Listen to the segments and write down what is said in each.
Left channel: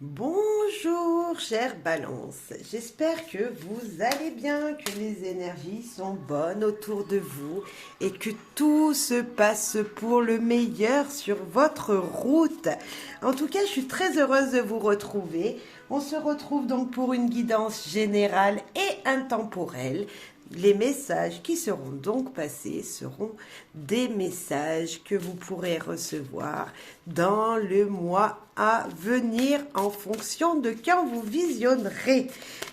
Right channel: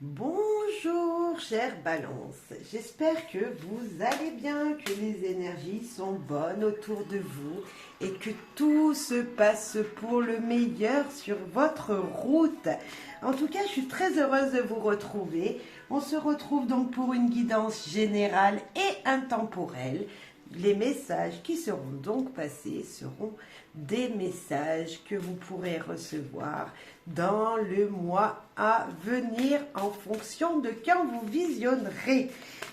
Bonjour chère Balance, j'espère que vous allez bien, que les énergies sont bonnes autour de vous et que tout se passe pour le meilleur sur votre route. En tout cas, je suis très heureuse de vous retrouver. On se retrouve donc pour une guidance générale et intemporelle. Les messages qui seront donc passés seront des messages que vous pourrez recevoir dans le mois à venir en fonction de quand vous visionnerez.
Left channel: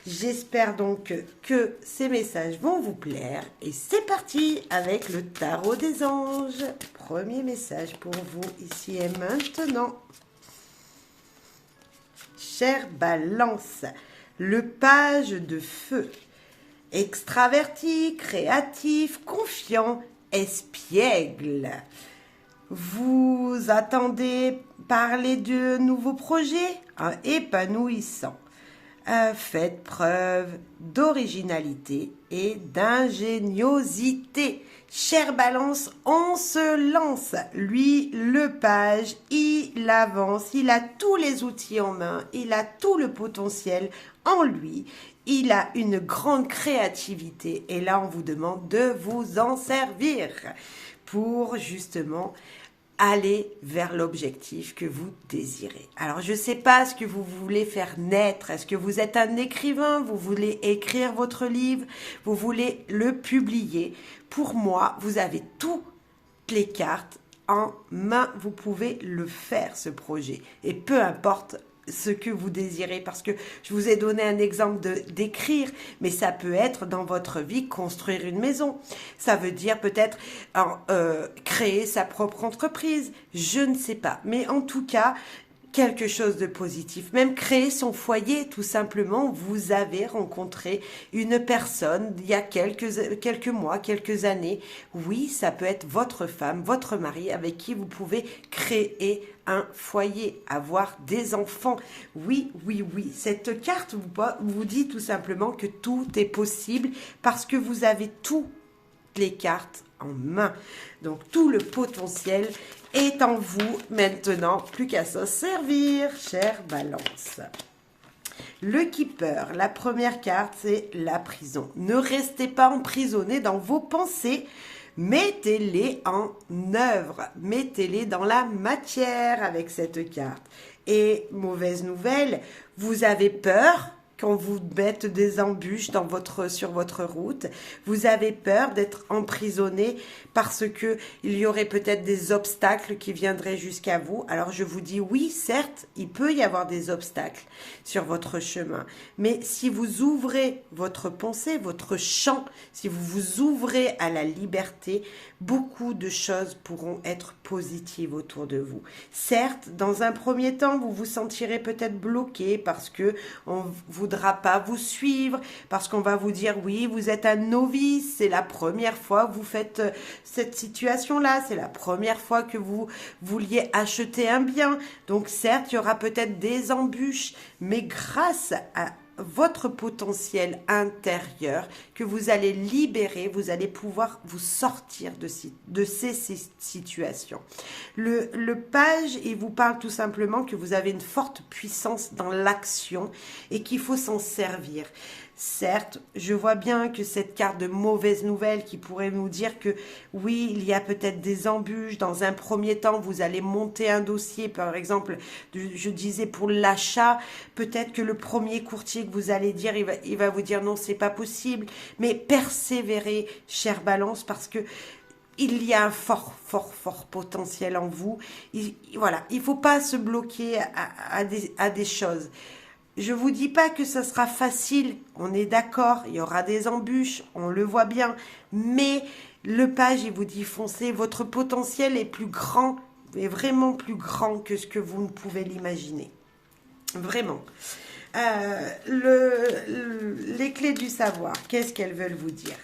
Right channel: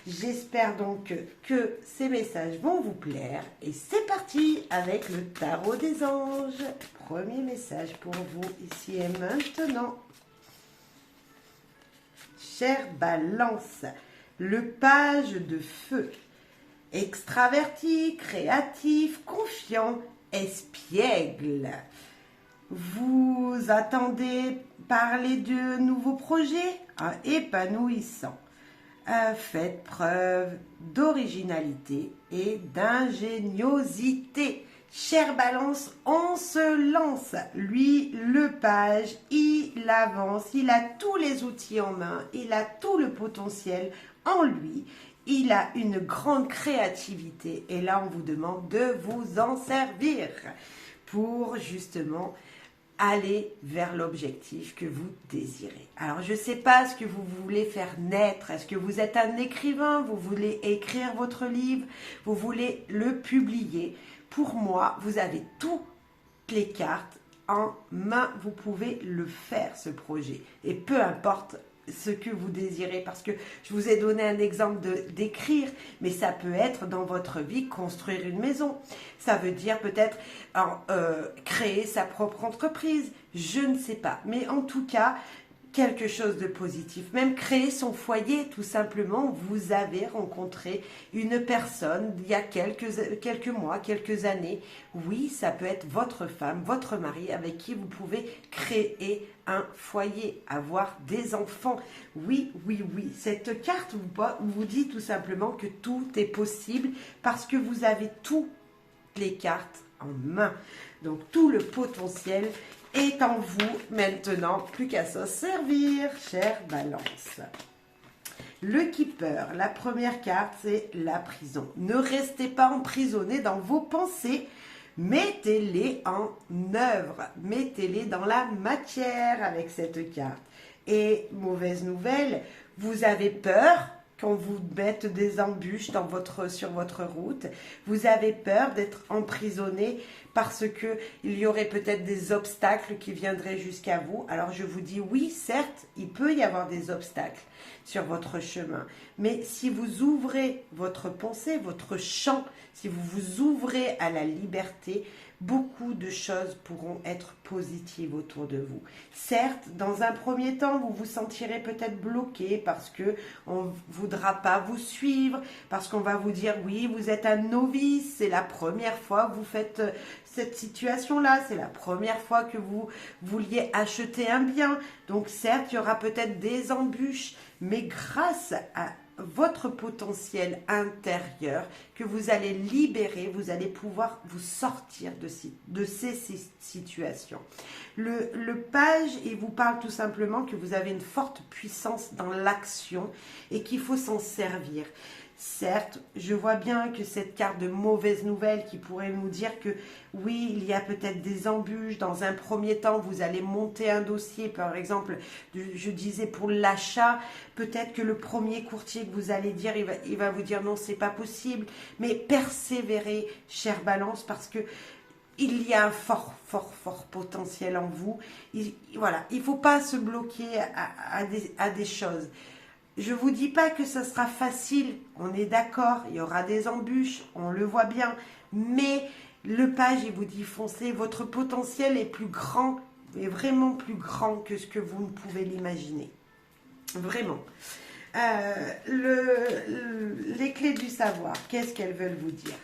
J'espère donc que ces messages vont vous plaire et c'est parti avec le tarot des anges. Premier message pour vous ici et maintenant. Chère Balance, le page de feu. Extraverti, créatif, confiant, espiègle. Vous attendez parler de nouveaux projets épanouissants. Faites preuve d'originalité et d'ingéniosité. Chère Balance, on se lance. Lui, le page, il avance, il a tous les outils en main, il a tout le potentiel en lui. Il a une grande créativité et là, on vous demande de vous en servir pour justement aller vers l'objectif que vous désirez. Alors, je ne sais pas ce que vous voulez faire naître. Est-ce que vous êtes un écrivain? Vous voulez écrire votre livre? Vous voulez le publier? Pour moi, vous avez toutes les cartes en main. Vous pouvez le faire, ce projet. Et peu importe ce que vous désirez, parce que je vous ai donné un exemple d'écrire, mais ça peut être dans votre vie construire une maison. Ça veut dire peut-être créer sa propre entreprise. Je ne sais pas, mais en tout cas, quelque chose de positif. Même créer son foyer, tout simplement. Vous avez rencontré une personne il y a quelques mois, quelques années. Oui, ça peut être votre femme, votre mari, avec qui vous pouvez créer un foyer, avoir des enfants. Oui, oui, oui. Cette carte vous dit tout simplement que tout est possible parce que vous avez toutes les cartes en main. Donc tout le potentiel est en vous maintenant, plus qu'à s'en servir, chère Balance. Le Keeper, la première carte, c'est la prison. Ne restez pas emprisonné dans vos pensées, mettez-les en œuvre, mettez-les dans la matière avec cette carte. Et mauvaise nouvelle, vous avez peur quand vous mettez des embûches sur votre route, vous avez peur d'être emprisonné parce que il y aurait peut-être des obstacles qui viendraient jusqu'à vous. Alors je vous dis oui, certes, il peut y avoir des obstacles sur votre chemin, mais si vous ouvrez votre pensée, votre champ, si vous vous ouvrez à la liberté, beaucoup de choses pourront être positives autour de vous. Certes, dans un premier temps, vous vous sentirez peut-être bloqué parce que on voudra pas vous suivre, parce qu'on va vous dire oui, vous êtes un novice, c'est la première fois que vous faites cette situation-là, c'est la première fois que vous vouliez acheter un bien. Donc certes, il y aura peut-être des embûches, mais grâce à votre potentiel intérieur que vous allez libérer, vous allez pouvoir vous sortir de ces situations. Le page, il vous parle tout simplement que vous avez une forte puissance dans l'action et qu'il faut s'en servir. Certes, je vois bien que cette carte de mauvaise nouvelle qui pourrait nous dire que oui, il y a peut-être des embûches. Dans un premier temps, vous allez monter un dossier, par exemple, je disais pour l'achat, peut-être que le premier courtier que vous allez dire, il va vous dire non, c'est pas possible. Mais persévérez, chère Balance, parce que il y a un fort potentiel en vous. Voilà, il ne faut pas se bloquer à des choses. Je ne vous dis pas que ça sera facile, on est d'accord, il y aura des embûches, on le voit bien, mais le page, il vous dit foncez, votre potentiel est plus grand, est vraiment plus grand que ce que vous ne pouvez l'imaginer. Vraiment. Les clés du savoir, qu'est-ce qu'elles veulent vous dire?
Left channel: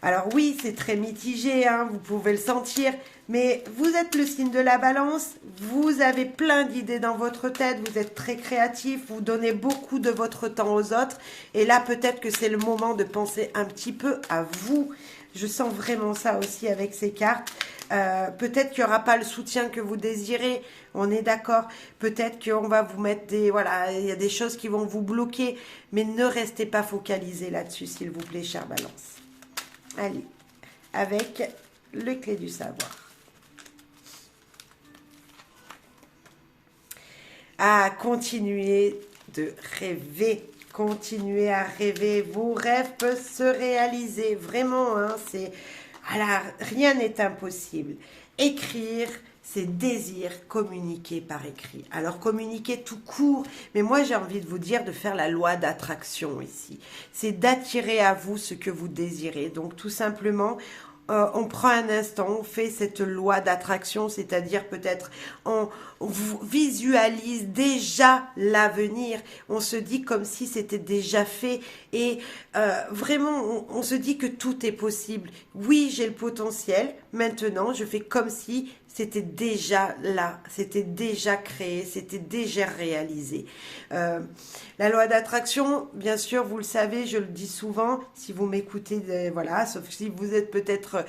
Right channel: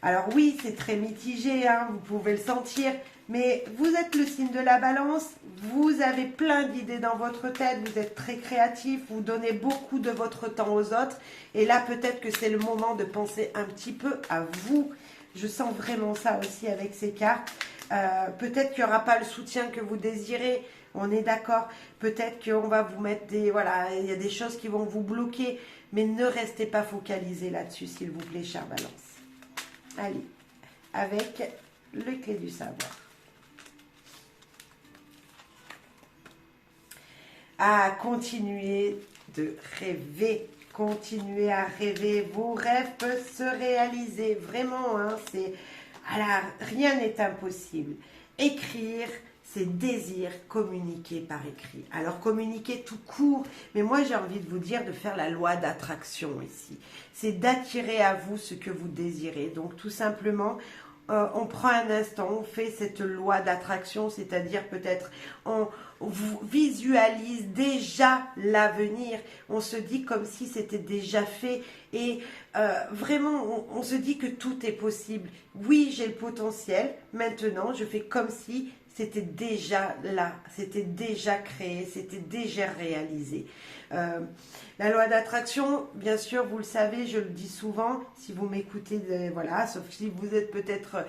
Alors oui, c'est très mitigé, hein, vous pouvez le sentir, mais vous êtes le signe de la Balance, vous avez plein d'idées dans votre tête, vous êtes très créatif, vous donnez beaucoup de votre temps aux autres, et là peut-être que c'est le moment de penser un petit peu à vous. Je sens vraiment ça aussi avec ces cartes. Peut-être qu'il n'y aura pas le soutien que vous désirez. On est d'accord. Peut-être qu'on va vous mettre des... Voilà, il y a des choses qui vont vous bloquer. Mais ne restez pas focalisé là-dessus, s'il vous plaît, chère Balance. Allez, avec le clé du savoir. À continuer de rêver. Continuez à rêver. Vos rêves peuvent se réaliser. Vraiment, hein, c'est... Alors, rien n'est impossible. Écrire ses désirs, communiquer par écrit. Alors, communiquer tout court, mais moi, j'ai envie de vous dire de faire la loi d'attraction ici. C'est d'attirer à vous ce que vous désirez. Donc, tout simplement, on prend un instant, on fait cette loi d'attraction, c'est-à-dire peut-être on visualise déjà l'avenir, on se dit comme si c'était déjà fait et vraiment on se dit que tout est possible. Oui, j'ai le potentiel, maintenant je fais comme si c'était déjà là, c'était déjà créé, c'était déjà réalisé. La loi d'attraction, bien sûr, vous le savez, je le dis souvent, si vous m'écoutez, voilà, sauf si vous êtes peut-être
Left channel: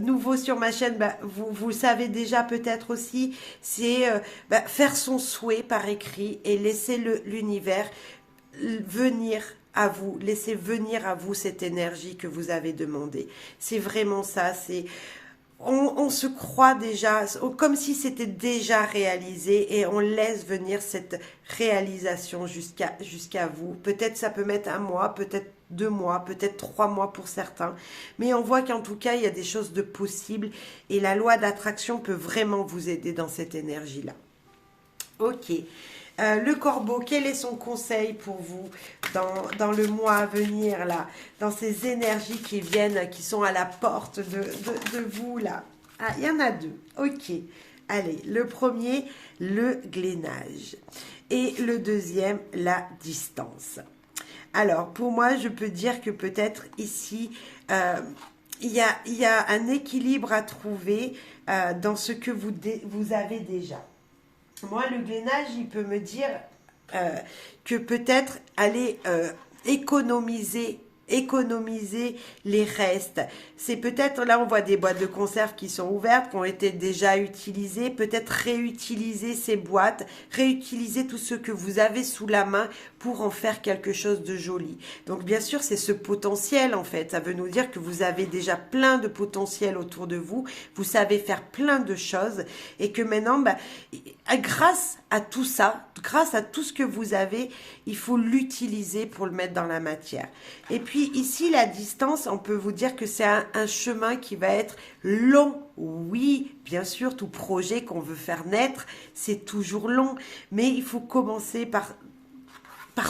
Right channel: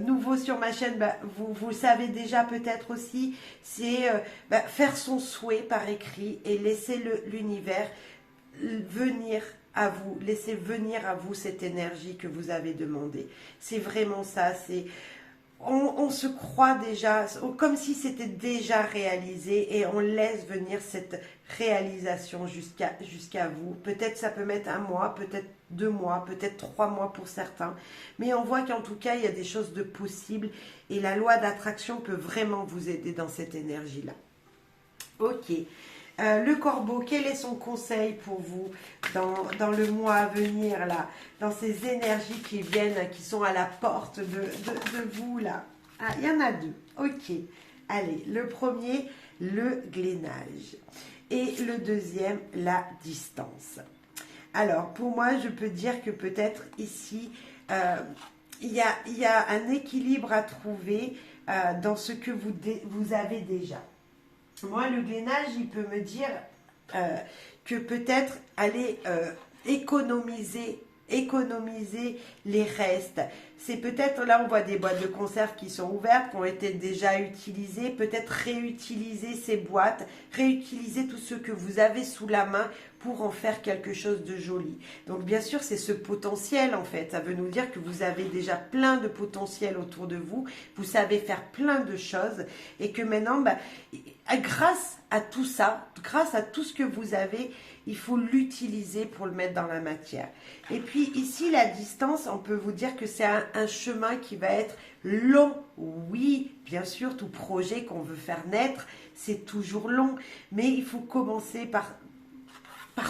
nouveau sur ma chaîne, bah, vous le savez déjà peut-être aussi, c'est faire son souhait par écrit et laisser l'univers venir à vous, laisser venir à vous cette énergie que vous avez demandée. C'est vraiment ça, c'est... On se croit déjà, comme si c'était déjà réalisé et on laisse venir cette réalisation jusqu'à vous. Peut-être ça peut mettre 1 mois, peut-être 2 mois, peut-être 3 mois pour certains. Mais on voit qu'en tout cas, il y a des choses de possibles et la loi d'attraction peut vraiment vous aider dans cette énergie-là. Ok. Le corbeau, quel est son conseil pour vous dans le mois à venir, là, dans ces énergies qui viennent, qui sont à la porte de vous, là? Ah, il y en a 2. Ok. Allez, le premier, le glénage. Et le deuxième, la distance. Alors, pour moi, je peux dire que peut-être ici, il y a un équilibre à trouver dans ce que vous avez déjà. Moi, le glénage, il peut me dire que peut-être aller économiser les restes. C'est peut-être, là on voit des boîtes de conserve qui sont ouvertes, qui ont été déjà utilisées, peut-être réutiliser ces boîtes, réutiliser tout ce que vous avez sous la main pour en faire quelque chose de joli. Donc bien sûr c'est ce potentiel en fait, ça veut nous dire que vous avez déjà plein de potentiel autour de vous, vous savez faire plein de choses et que maintenant grâce à tout ça, grâce à tout ce que vous avez, il faut l'utiliser pour le mettre dans la matière. Et puis ici, la distance, on peut vous dire que c'est un chemin qui va être long. Oui, bien sûr, tout projet qu'on veut faire naître, c'est toujours long. Mais il faut commencer par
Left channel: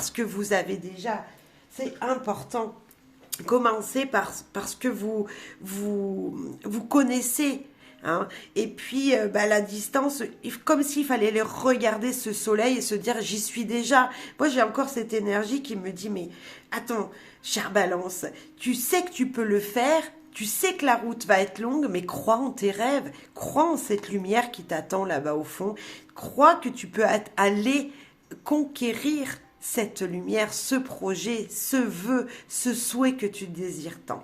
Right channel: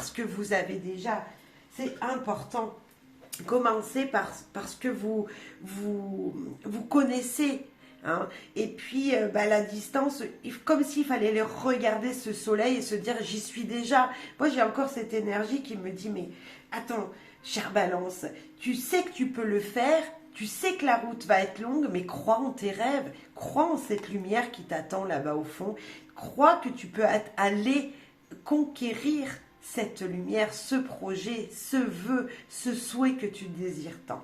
ce que vous avez déjà. C'est important. Commencez par ce que vous connaissez. Hein. Et puis la distance, comme s'il fallait les regarder ce soleil et se dire j'y suis déjà. Moi j'ai encore cette énergie qui me dit mais attends, chère Balance, tu sais que tu peux le faire, tu sais que la route va être longue, mais crois en tes rêves, crois en cette lumière qui t'attend là-bas au fond, crois que tu peux aller conquérir cette lumière, ce projet, ce vœu, ce souhait que tu désires tant.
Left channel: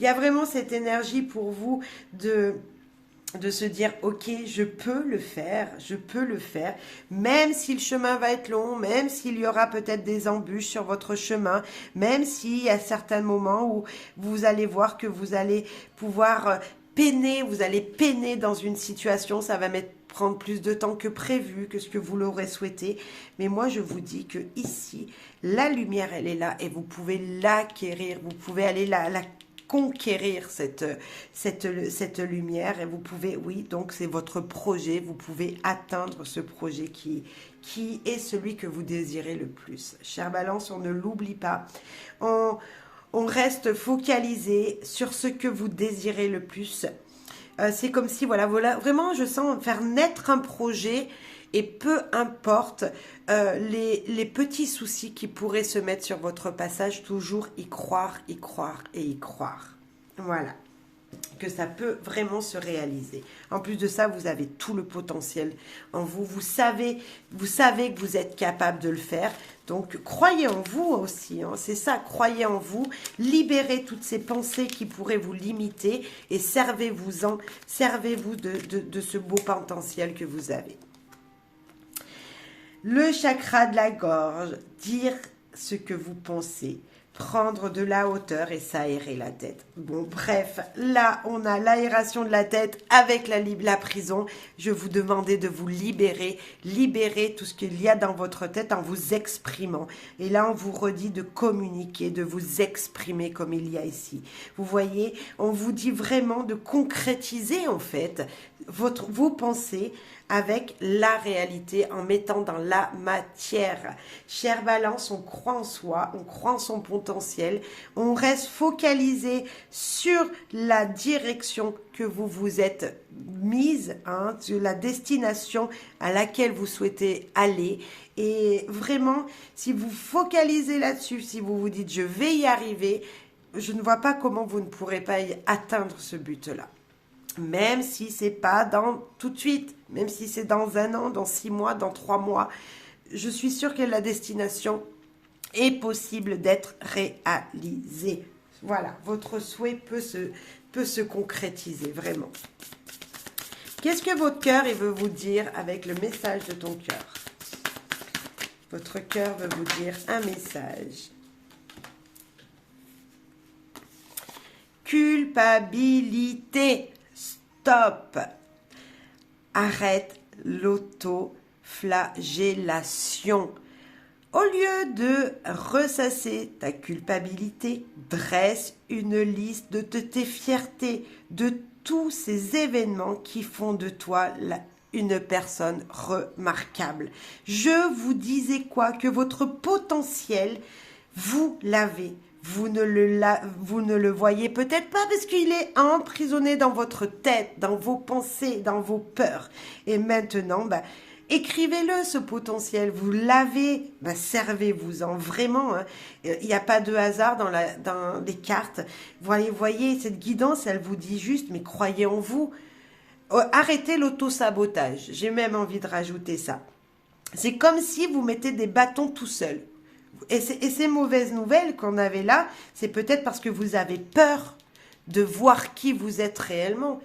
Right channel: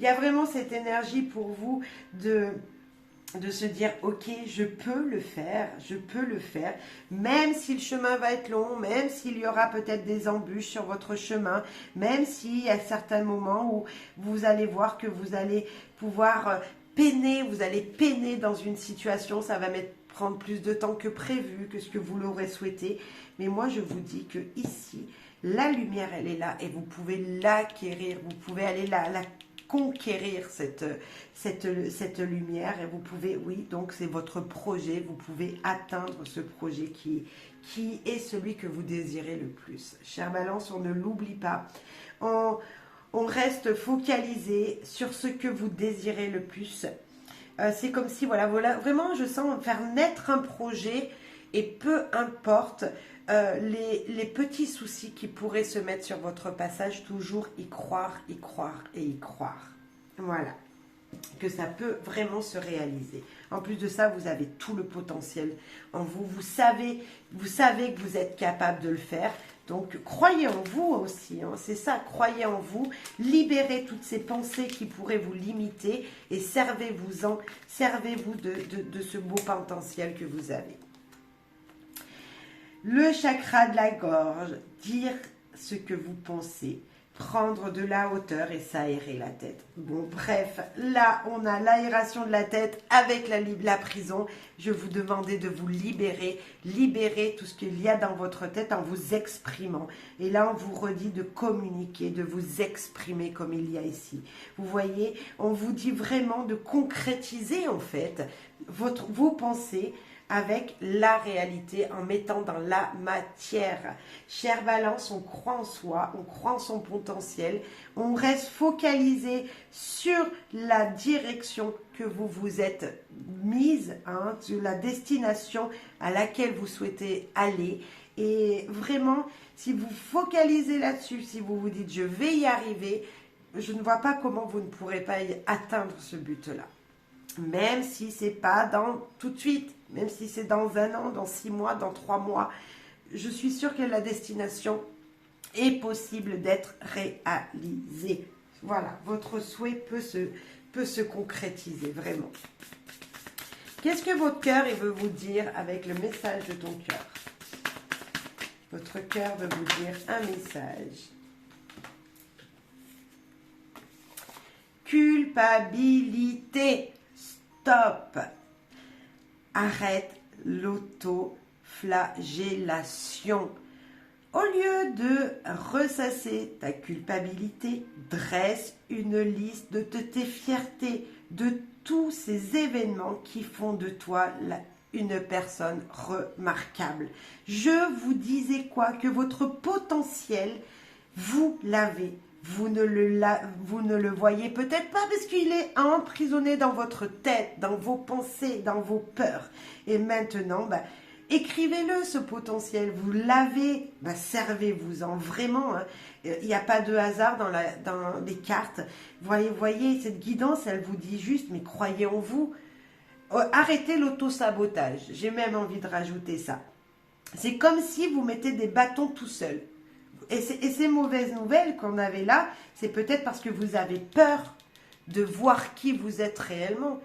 Il y a vraiment cette énergie pour vous de se dire ok, je peux le faire, même si le chemin va être long, même s'il y aura peut-être des embûches sur votre chemin, même s'il y a certains moments où vous allez voir que vous allez pouvoir peiner, vous allez peiner dans une situation, ça va prendre plus de temps que prévu, que ce que vous l'aurez souhaité, mais moi je vous dis que ici, la lumière elle est là et vous pouvez l'acquérir, vous pouvez aller la conquérir cette lumière et vous pouvez, oui, donc c'est votre projet, vous pouvez atteindre ce projet qui est celui que vous désirez le plus. Chère Balance, on ne l'oublie pas, on reste focalisé sur ce que vous désirez le plus. C'est comme si, voilà, vraiment je sens faire naître un projet et peu importe les petits soucis qui pourraient se mettre sur votre passage, toujours y croire et y croire. Voilà, que ça peut vraiment se réaliser. En plus de ça, vous avez tout le potentiel en vous. Vous savez que vous êtes capable de le faire. Donc, croyez en vous aussi, hein. C'est ça, croyez en vous, libérez toutes ces pensées qui pourraient vous limiter et servez-vous de ce beau potentiel que vous avez. Le chakra de la gorge, dire ce que vous pensez, prendre de la hauteur et s'aérer la tête. Bon, bref, là, on a l'aération de la tête avec la prison. Je vous demandais de vous libérer tout ce qu'il y a dans votre tête en vous exprimant. Et là, on vous redit de communiquer, de vous exprimer comme il y a ici. Vous voyez, on vous dit vraiment de concrétiser, en fait, vos pensées avec la réalité, en mettant dans la matière. Chère Balance, on croit en soi, on croit en son potentiel, on reste focalisé sur la direction que vous vous êtes mise, sur la destination à laquelle vous souhaitez aller. Et vraiment, si vous focalisez là-dessus, si vous vous dites « je vais y arriver », je ne vois pas comment vous ne pourrez pas atteindre ce but-là. Même si c'est pas dans tout de suite, même si c'est dans 1 an, dans 6 mois, dans 3 mois, je suis sûre que la destination est possible d'être réalisée. Voilà, votre souhait peut se concrétiser, vraiment. Qu'est-ce que votre cœur veut vous dire avec le message de ton cœur? Votre cœur veut vous dire un message. Culpabilité. Stop. Arrête l'autoflagellation. Au lieu de ressasser ta culpabilité, dresse une liste de tes fiertés, de tous ces événements qui font de toi une personne remarquable. Je vous disais quoi? Que votre potentiel, vous l'avez. Vous ne le voyez peut-être pas parce qu'il est emprisonné dans votre tête, dans vos pensées, dans vos peurs. Et maintenant, écrivez-le, ce potentiel. Vous l'avez, servez-vous-en vraiment. Il n'y a pas de hasard dans les cartes. Voyez, cette guidance, elle vous dit juste, mais croyez en vous. Arrêtez l'auto-sabotage. J'ai même envie de rajouter ça. C'est comme si vous mettez des bâtons tout seul. Et ces mauvaises nouvelles qu'on avait là, c'est peut-être parce que vous avez peur de voir qui vous êtes réellement.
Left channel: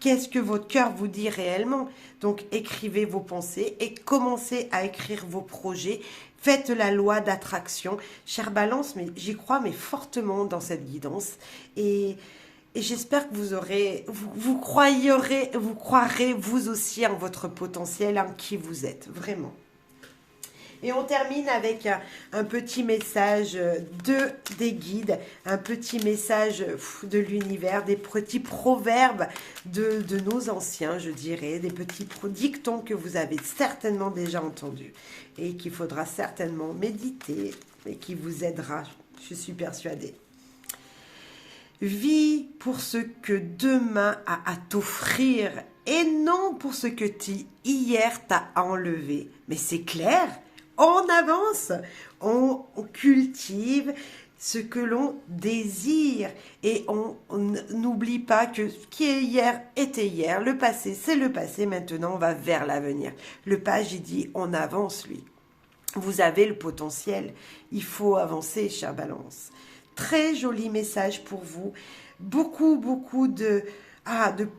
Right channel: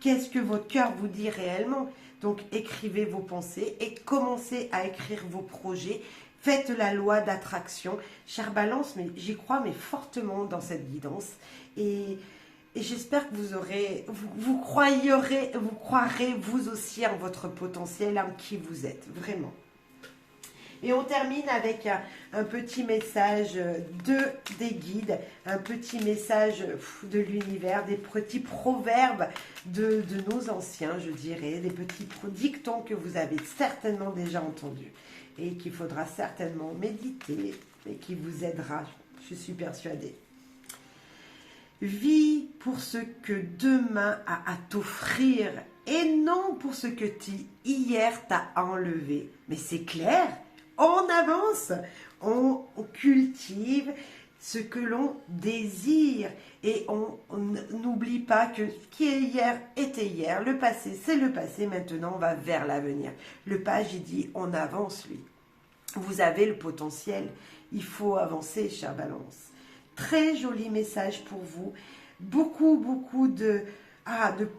Qu'est-ce que votre cœur vous dit réellement? Donc, écrivez vos pensées et commencez à écrire vos projets. Faites la loi d'attraction. Chère Balance, mais j'y crois mais fortement dans cette guidance. Et j'espère que vous croirez vous aussi en votre potentiel, en qui vous êtes, vraiment. Et on termine avec un petit message des guides, un petit message de l'univers, des petits proverbes de nos anciens, je dirais, des petits dictons que vous avez certainement déjà entendus et qu'il faudra certainement méditer et qui vous aidera, je suis persuadée. Vis pour ce que demain a à t'offrir et non pour ce que hier t'a enlevé. Mais c'est clair? On avance, on cultive ce que l'on désire et on n'oublie pas que ce qui est hier était hier. Le passé, c'est le passé. Maintenant, on va vers l'avenir. Le page, il dit, on avance, lui. Vous avez le potentiel. Il faut avancer, chère Balance. Très joli message pour vous. Beaucoup de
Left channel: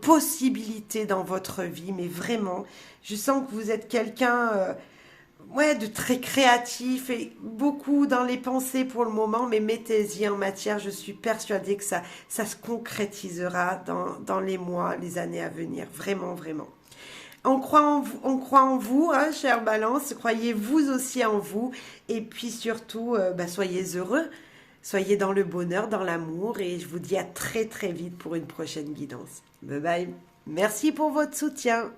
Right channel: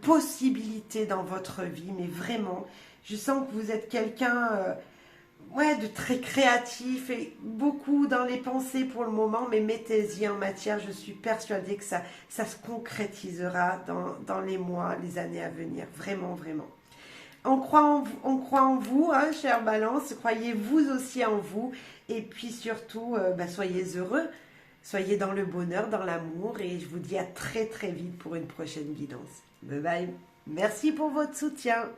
possibilités dans votre vie. Mais vraiment, je sens que vous êtes quelqu'un... de très créatif et beaucoup dans les pensées pour le moment, mais mettez-y en matière. Je suis persuadée que ça se concrétisera dans les mois, les années à venir. Vraiment, vraiment. On croit en vous, chère Balance. Croyez vous aussi en vous. Et puis surtout, soyez heureux. Soyez dans le bonheur, dans l'amour. Et je vous dis à très, très vite pour une prochaine guidance. Bye bye. Merci pour votre soutien.